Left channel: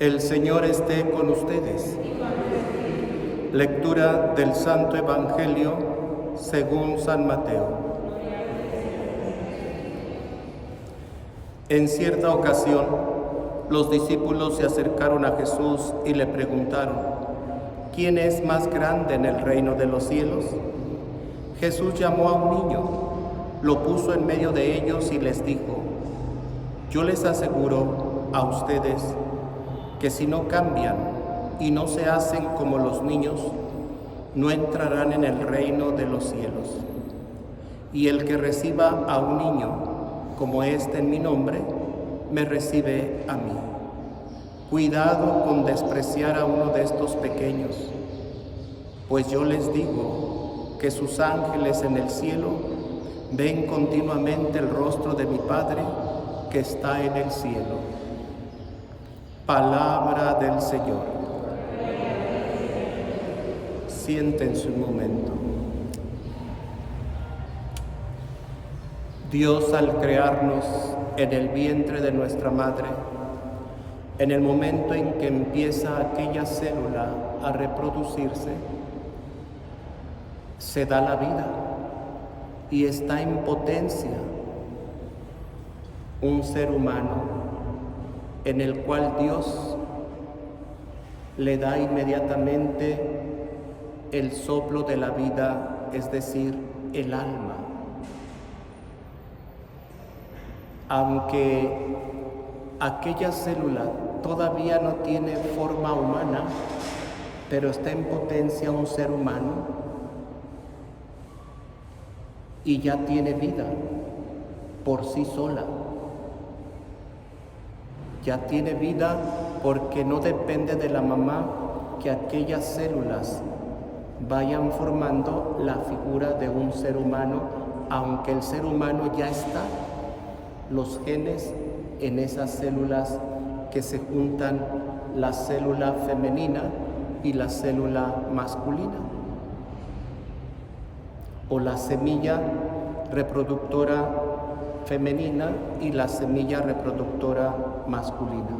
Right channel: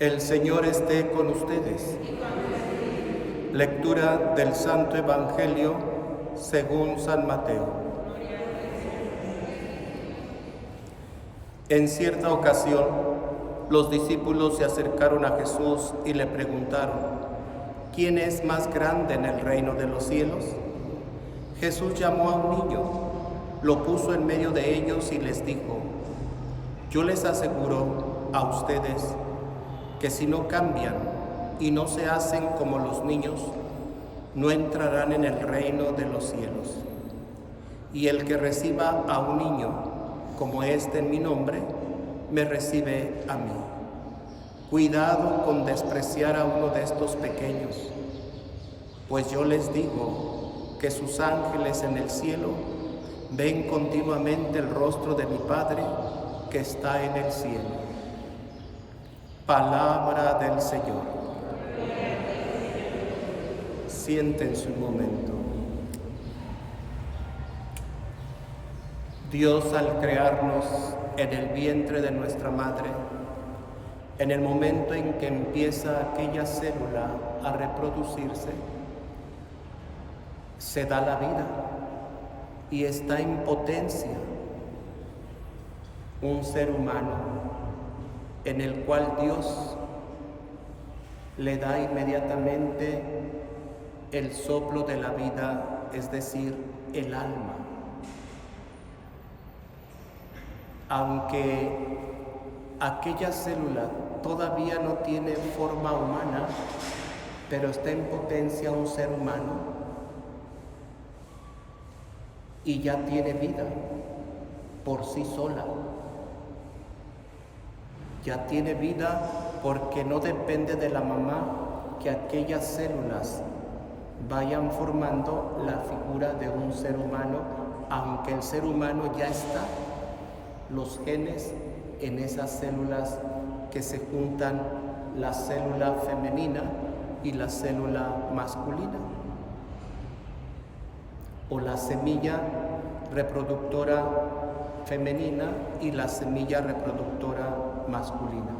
El Señor esté con ustedes. Lectura del Santo Evangelio según San Mateo. En cierta ocasión, los discípulos se acercaron a Jesús y le preguntaron: ¿quién es más grande en el reino de los cielos? Jesús llamó a un niño, lo puso en medio de ellos y les dijo: yo les aseguro a ustedes que si no cambian y no se hacen como los niños, no entrarán en el reino de los cielos. Y el que reciba a un niño como este en mi nombre, me recibe a mí. Cuidado con despreciar a uno de estos pequeños, pues yo les digo que sus ángeles en el cielo ven continuamente el rostro de mi Padre que está en el cielo. Palabra del Señor. Siéntense un momento. Dios, al crearnos en el vientre de nuestra madre, en el momento en que empieza aquella célula a reproducirse, se da la vida y está en potencia un ser humano en el cual Dios le da inmediatamente el soplo de la vida, es decir, el alma. Aunque aquella célula todavía no tiene forma humana, pero está en potencia un ser humano y ya tiene vida por sí sola. Ya tiene vida porque no depende de la mamá que aquellas células vayan formando la figura de un ser humano, aunque el ser humano ya está, los genes en esas células que se juntan, la célula femenina y la célula masculina, o la semilla reproductora femenina y la semilla reproductora masculina.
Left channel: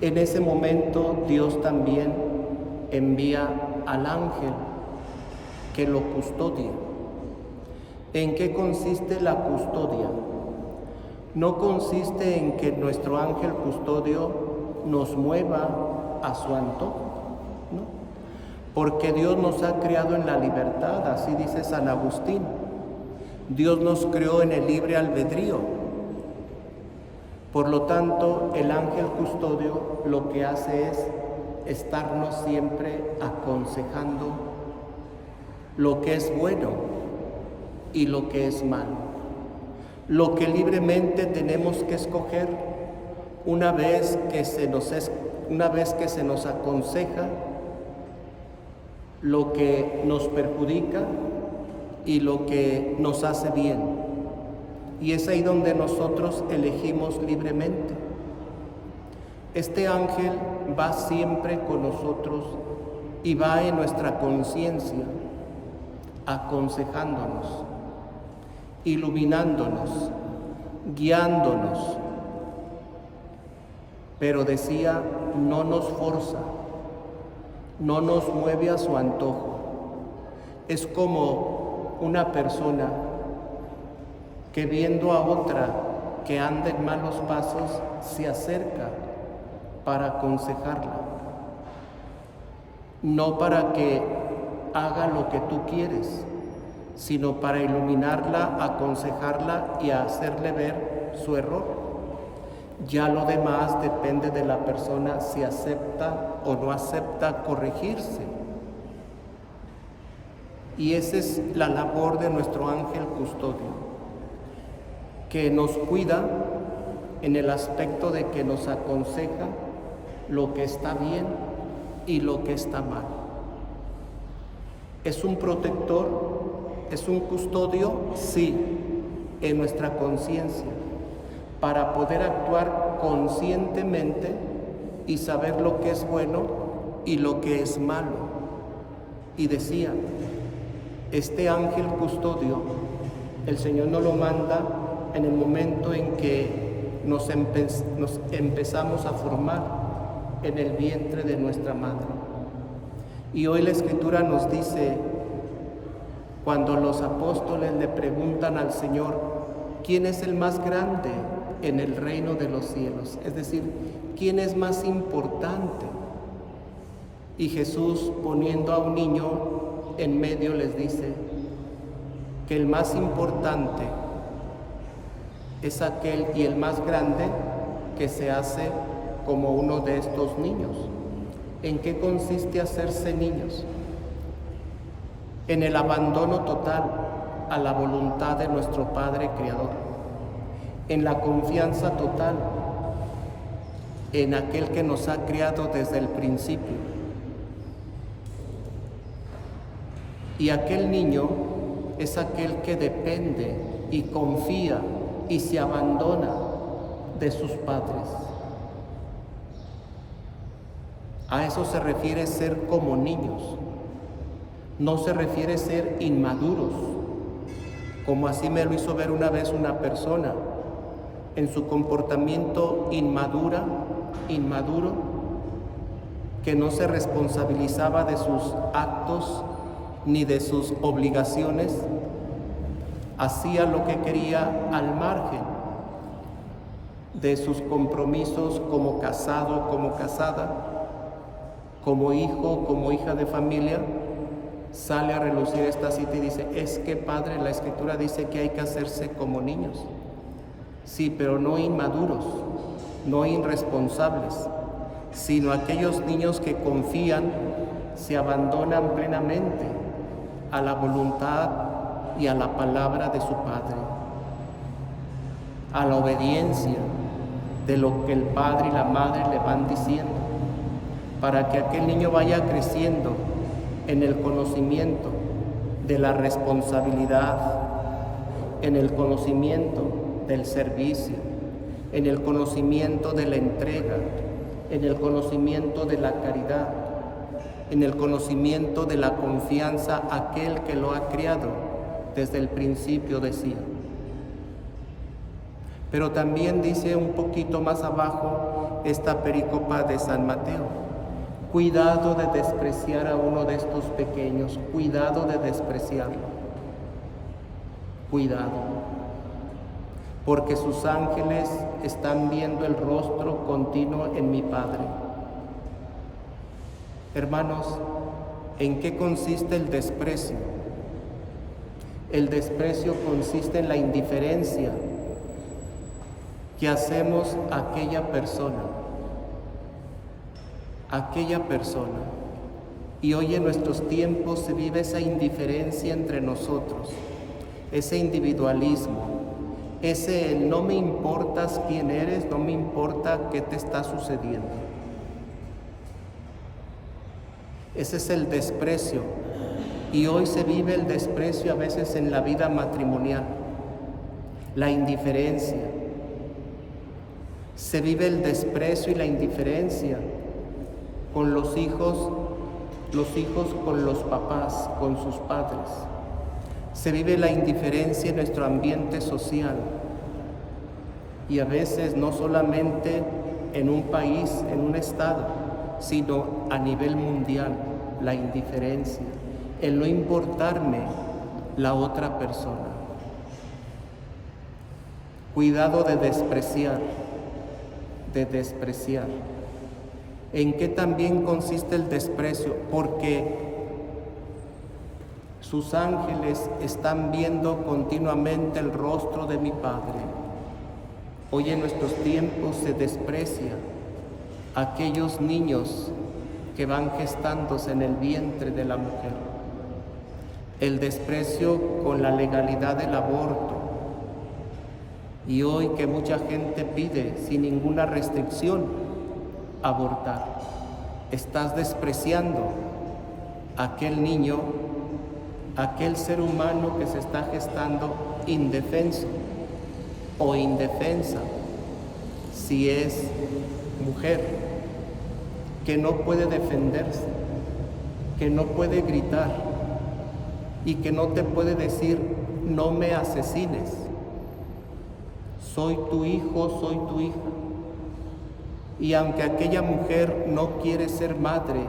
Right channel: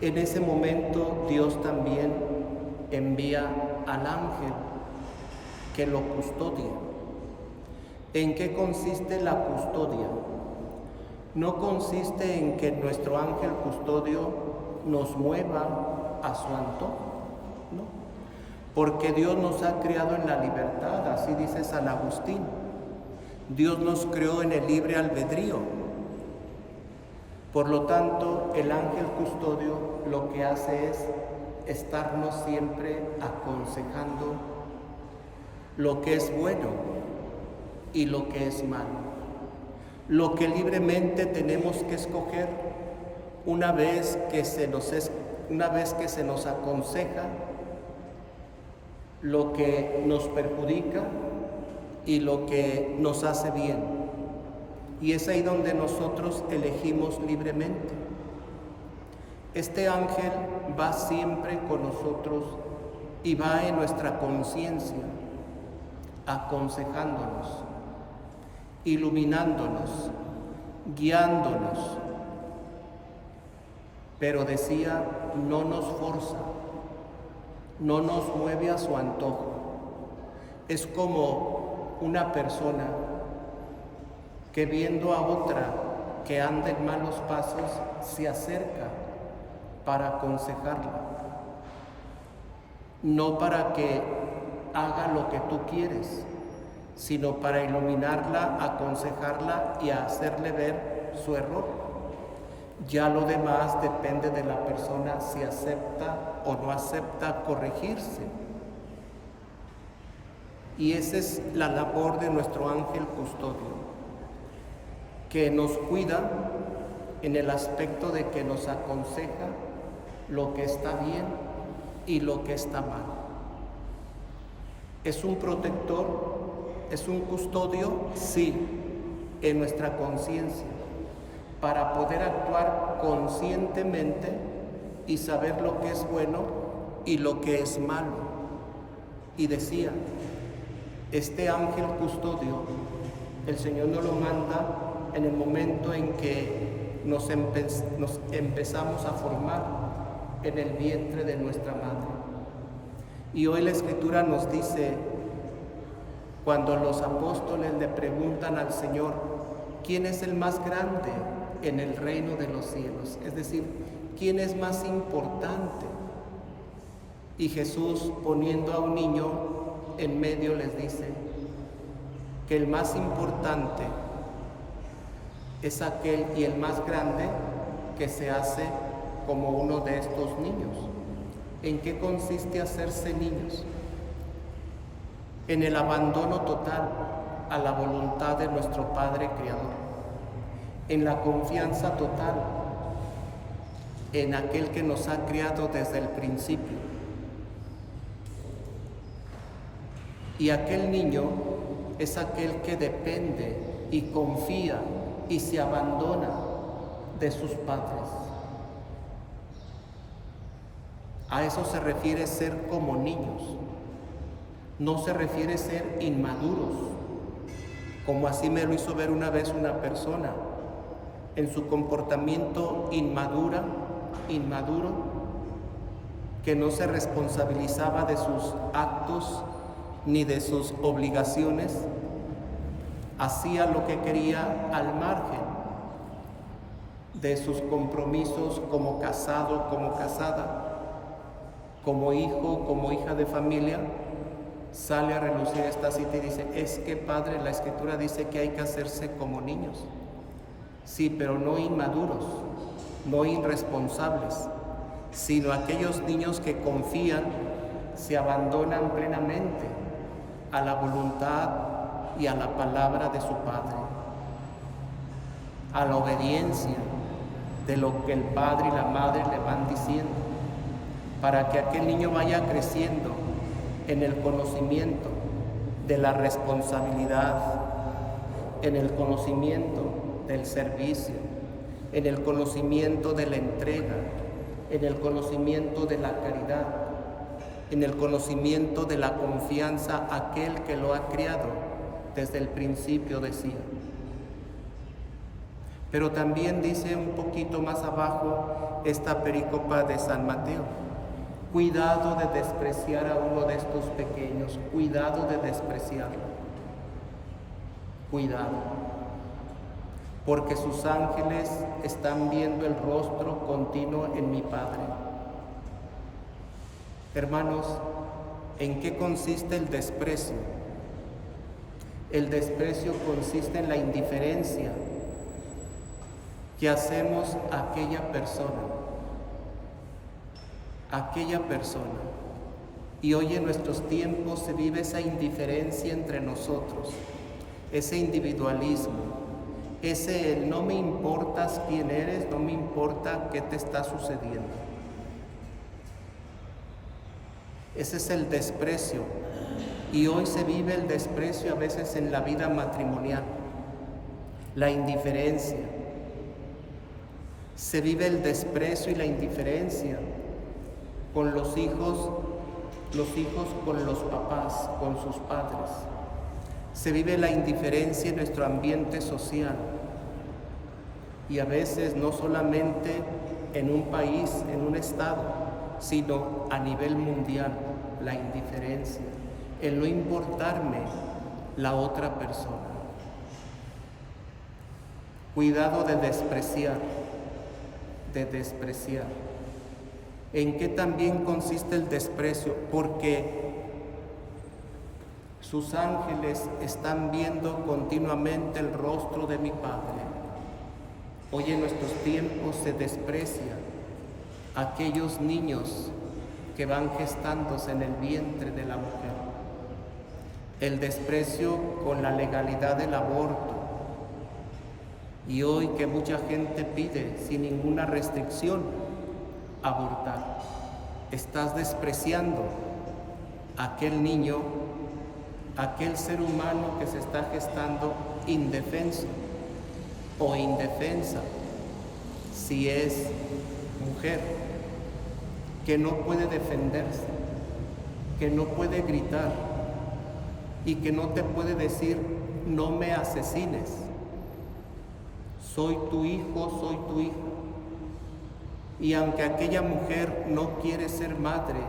En ese momento Dios también envía al ángel que lo custodia. ¿En qué consiste la custodia? No consiste en que nuestro ángel custodio nos mueva a su antojo, ¿no? Porque Dios nos ha creado en la libertad, así dice San Agustín. Dios nos creó en el libre albedrío. Por lo tanto, el ángel custodio lo que hace es estarnos siempre aconsejando lo que es bueno y lo que es malo. Lo que libremente tenemos que escoger una vez que se nos aconseja lo que nos perjudica y lo que nos hace bien. Y es ahí donde nosotros elegimos libremente. Este ángel va siempre con nosotros y va en nuestra conciencia, aconsejándonos, iluminándonos, guiándonos. Pero decía, no nos forza, no nos mueve a su antojo. Es como una persona que viendo a otra que anda en malos pasos, se acerca para aconsejarla, no para que haga lo que tú quieres, sino para iluminarla, aconsejarla y hacerle ver su error. Ya lo demás depende de la persona si acepta o no acepta corregirse. Y esa es la labor de nuestro ángel custodio, que nos cuida en el aspecto de que nos aconseja lo que está bien y lo que está mal. ¿Es un protector? ¿Es un custodio? Sí, en nuestra conciencia, para poder actuar conscientemente y saber lo que es bueno y lo que es malo. Y decía, este ángel custodio, el Señor nos lo manda en el momento en que nos empezamos a formar, en el vientre de nuestra madre. Y hoy la Escritura nos dice, cuando los apóstoles le preguntan al Señor, ¿quién es el más grande en el reino de los cielos? Es decir, ¿quién es más importante? Y Jesús, poniendo a un niño en medio, les dice que el más importante es aquel y el más grande que se hace como uno de estos niños. ¿En qué consiste hacerse niños? En el abandono total a la voluntad de nuestro Padre Creador, en la confianza total en aquel que nos ha criado desde el principio. Y aquel niño es aquel que depende y confía y se abandona de sus padres. A eso se refiere ser como niños. No se refiere ser inmaduros, como así me lo hizo ver una vez una persona, en su comportamiento inmaduro, que no se responsabilizaba de sus actos ni de sus obligaciones, hacía lo que quería al margen de sus compromisos como casado, como casada, como hijo, como hija de familia. Sale a relucir esta cita y dice, es que Padre, la Escritura dice que hay que hacerse como niños. Sí, pero no inmaduros, no irresponsables, sino aquellos niños que confían, se abandonan plenamente a la voluntad y a la palabra de su Padre, a la obediencia de lo que el Padre y la Madre le van diciendo, para que aquel niño vaya creciendo en el conocimiento de la responsabilidad, en el conocimiento del servicio, en el conocimiento de la entrega, en el conocimiento de la caridad, en el conocimiento de la confianza a aquel que lo ha criado desde el principio, decía. Pero también dice un poquito más abajo esta pericopa de San Mateo: cuidado de despreciar a uno de estos pequeños, cuidado de despreciarlo, cuidado, porque sus ángeles están viendo el rostro continuo en mi Padre. Hermanos, ¿en qué consiste el desprecio? El desprecio consiste en la indiferencia que hacemos a aquella persona. Y hoy en nuestros tiempos se vive esa indiferencia entre nosotros, ese individualismo, ese no me importas quién eres, no me importa qué te está sucediendo. Ese es el desprecio. Y hoy se vive el desprecio a veces en la vida matrimonial, la indiferencia. Se vive el desprecio y la indiferencia con los hijos con los papás, con sus padres. Se vive la indiferencia en nuestro ambiente social. Y a veces no solamente en un país, en un estado, sino a nivel mundial, la indiferencia, el no importarme la otra persona. Cuidado de despreciar. ¿En qué también consiste el desprecio? Porque sus ángeles están viendo continuamente el rostro de mi Padre. Hoy en nuestros tiempos se desprecia a aquellos niños que van gestándose en el vientre de la mujer. El desprecio con la legalidad del aborto. Y hoy que mucha gente pide sin ninguna restricción abortar, estás despreciando a aquel niño, aquel ser humano que se está gestando indefenso o indefensa, si es mujer, que no puede defenderse, que no puede gritar y que no te puede decir no me asesines, soy tu hijo, soy tu hija. Y aunque aquella mujer no quiere ser madre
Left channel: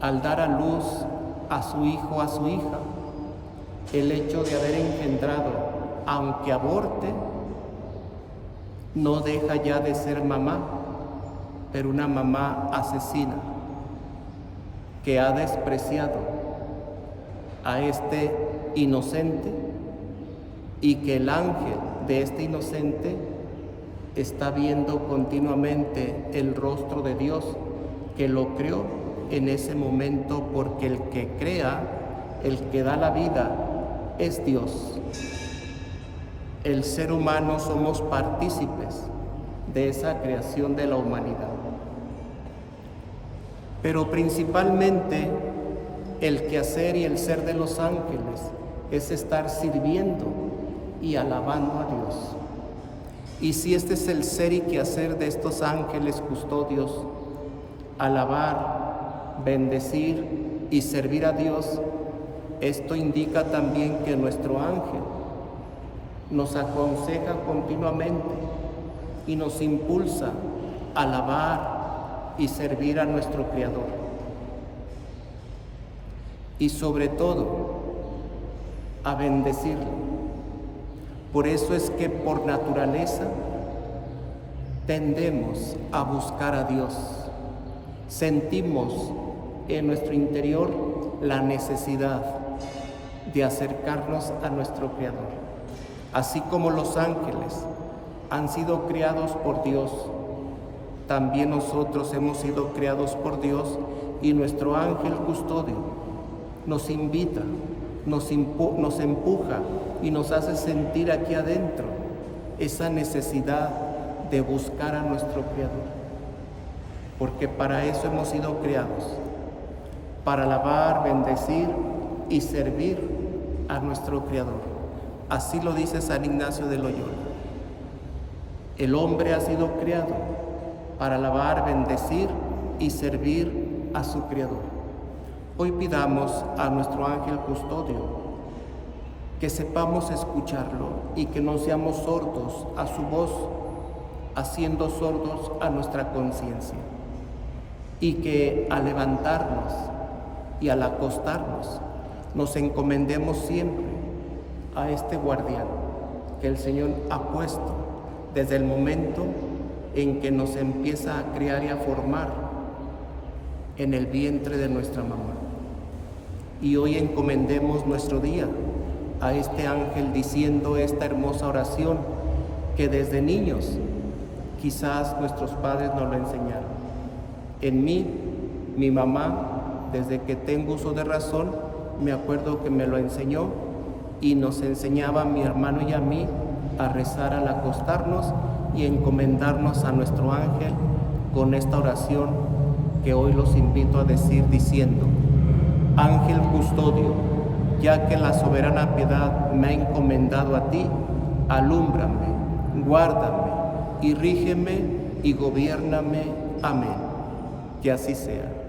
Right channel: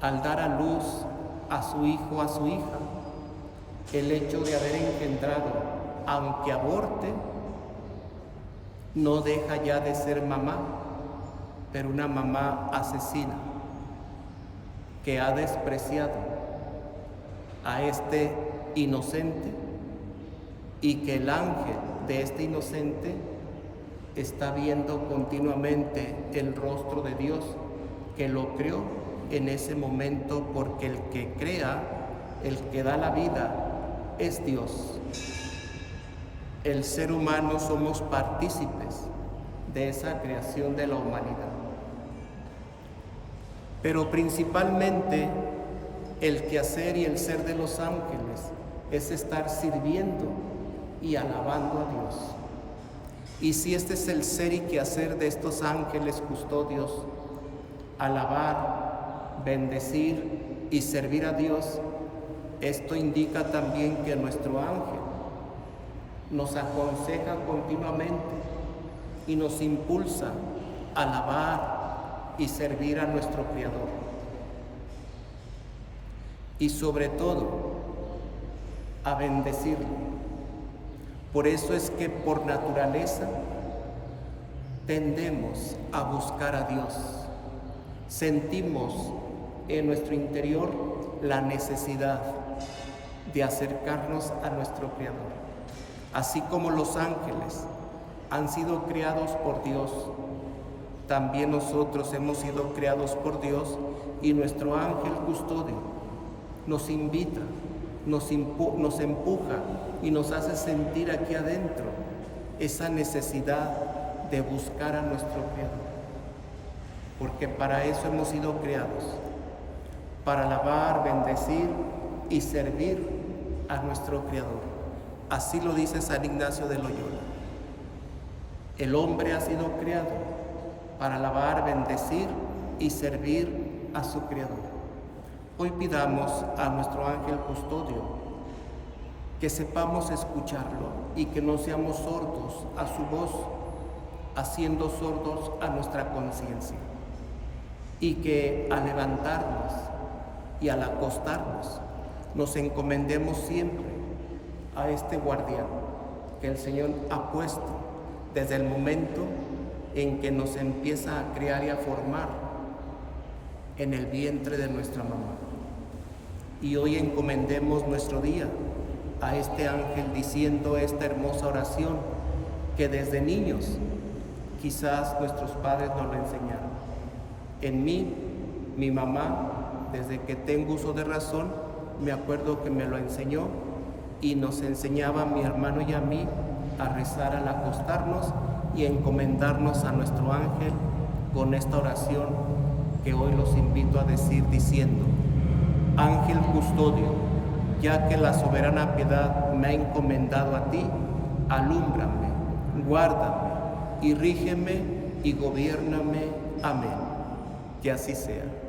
al dar a luz a su hijo o a su hija, el hecho de haber engendrado, aunque aborte, no deja ya de ser mamá, pero una mamá asesina que ha despreciado a este inocente y que el ángel de este inocente está viendo continuamente el rostro de Dios que lo creó en ese momento, porque el que crea, el que da la vida, es Dios. El ser humano somos partícipes de esa creación de la humanidad. Pero principalmente el quehacer y el ser de los ángeles es estar sirviendo y alabando a Dios. Y si este es el ser y quehacer de estos ángeles custodios, alabar, bendecir y servir a Dios, esto indica también que nuestro ángel nos aconseja continuamente y nos impulsa a alabar y servir a nuestro Creador. Y sobre todo, a bendecirlo. Por eso es que por naturaleza tendemos a buscar a Dios. Sentimos en nuestro interior la necesidad de acercarnos a nuestro Creador. Así como los ángeles han sido creados por Dios, también nosotros hemos sido creados por Dios, y nuestro ángel custodio nos invita, nos empuja y nos hace sentir aquí adentro esa necesidad de buscar a nuestro Creador, porque para eso hemos sido creados, para alabar, bendecir y servir a nuestro Creador. Así lo dice San Ignacio de Loyola. El hombre ha sido creado para alabar, bendecir y servir a su Creador. Hoy pidamos a nuestro ángel custodio que sepamos escucharlo y que no seamos sordos a su voz, haciendo sordos a nuestra conciencia, y que al levantarnos y al acostarnos nos encomendemos siempre a este guardián que el Señor ha puesto desde el momento en que nos empieza a crear y a formar en el vientre de nuestra mamá. Y hoy encomendemos nuestro día a este ángel diciendo esta hermosa oración que desde niños quizás nuestros padres nos lo enseñaron. En mí, mi mamá, desde que tengo uso de razón, me acuerdo que me lo enseñó y nos enseñaba a mi hermano y a mí a rezar al acostarnos y encomendarnos a nuestro ángel con esta oración que hoy los invito a decir diciendo: Ángel custodio, ya que la soberana piedad me ha encomendado a ti, alúmbrame, guárdame y rígeme y gobiérname. Amén. Que así sea.